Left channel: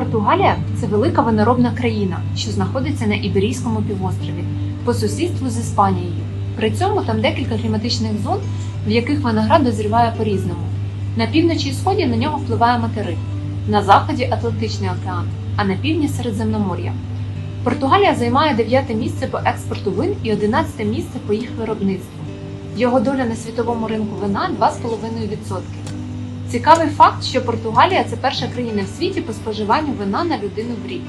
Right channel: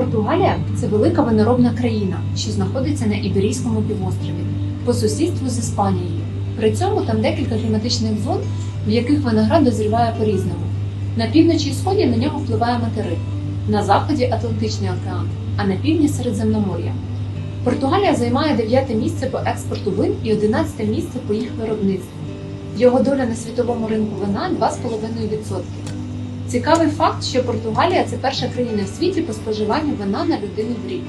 Португалія це велика виноробна країна, що знаходиться на Іберійському півострові по сусідству з Іспанією. При цьому там декілька кліматичних зон, в яких виноград дозріває по-різному. На півночі і сході на нього впливає материк, на заході Атлантичний океан, а на півдні Середземномор'я. Португалія займає дев'яте місце по експорту вин і одинадцяте місце по їх виробництву. Його доля на світовому ринку вина 2,5%. Цікавий факт, що Португалія це перша країна в світі по споживанню вина на людину в рік.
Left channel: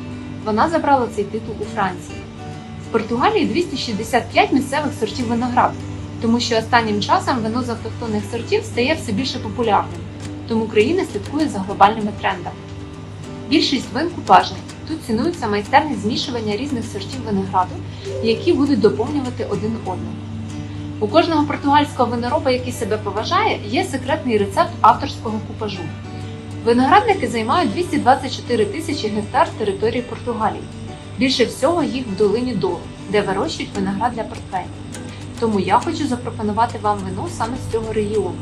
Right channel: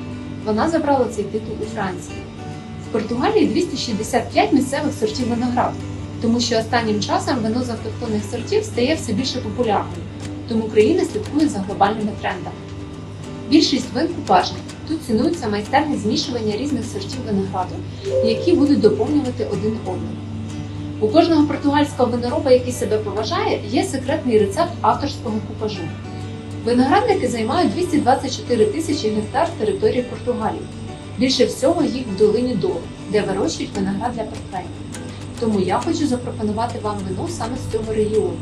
Вона забрала цей титул у Франції. В Португалії 265 місцевих сортів винограду, тому що останнім часом вино з автохтонних сортів стає все більше популярним, тому країна слідкує за глобальними трендами. Більшість вин купажних. Тут цінується майстерне змішування різних сортів винограду, які будуть доповнювати один одного. У кожного португальського винороба, який себе поважає, є секретний рецепт авторського купажу. Виноградники займають 224 тисячі гектар території Португалії. Більше всього їх в долині Дол, де вирощують виноград для портвейну. Тому я хочу запропонувати вам вино саме з цього регіону.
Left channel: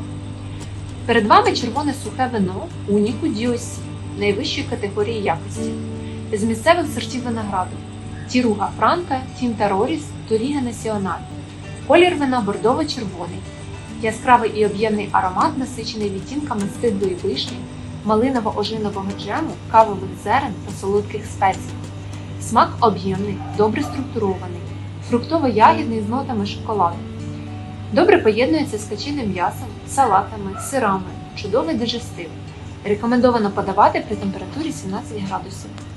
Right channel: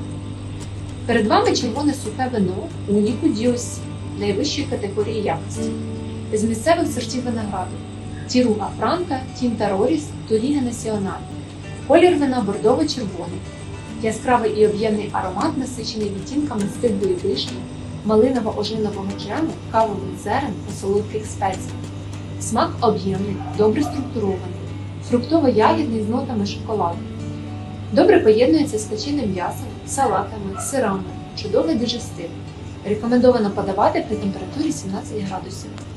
Перед вами червоне сухе вино Уніку Діосі найвищої категорії якості з місцевих сортів винограду Тіруга Франка, Тінта Роріс, Торіга Національ. Колір вина бордово-червоний, яскравий і об'ємний аромат, насичений відтінками стиглої вишні, малиново-ожинового джему, кавових зерен та солодких спецій. Смак об'ємний, добре структурований, фруктово-ягідний з нотами шоколаду. Добре поєднується з качиним м'ясом, салатами, сирами, чудовий дижестив. Рекомендовано подавати при температурі 17 градусів.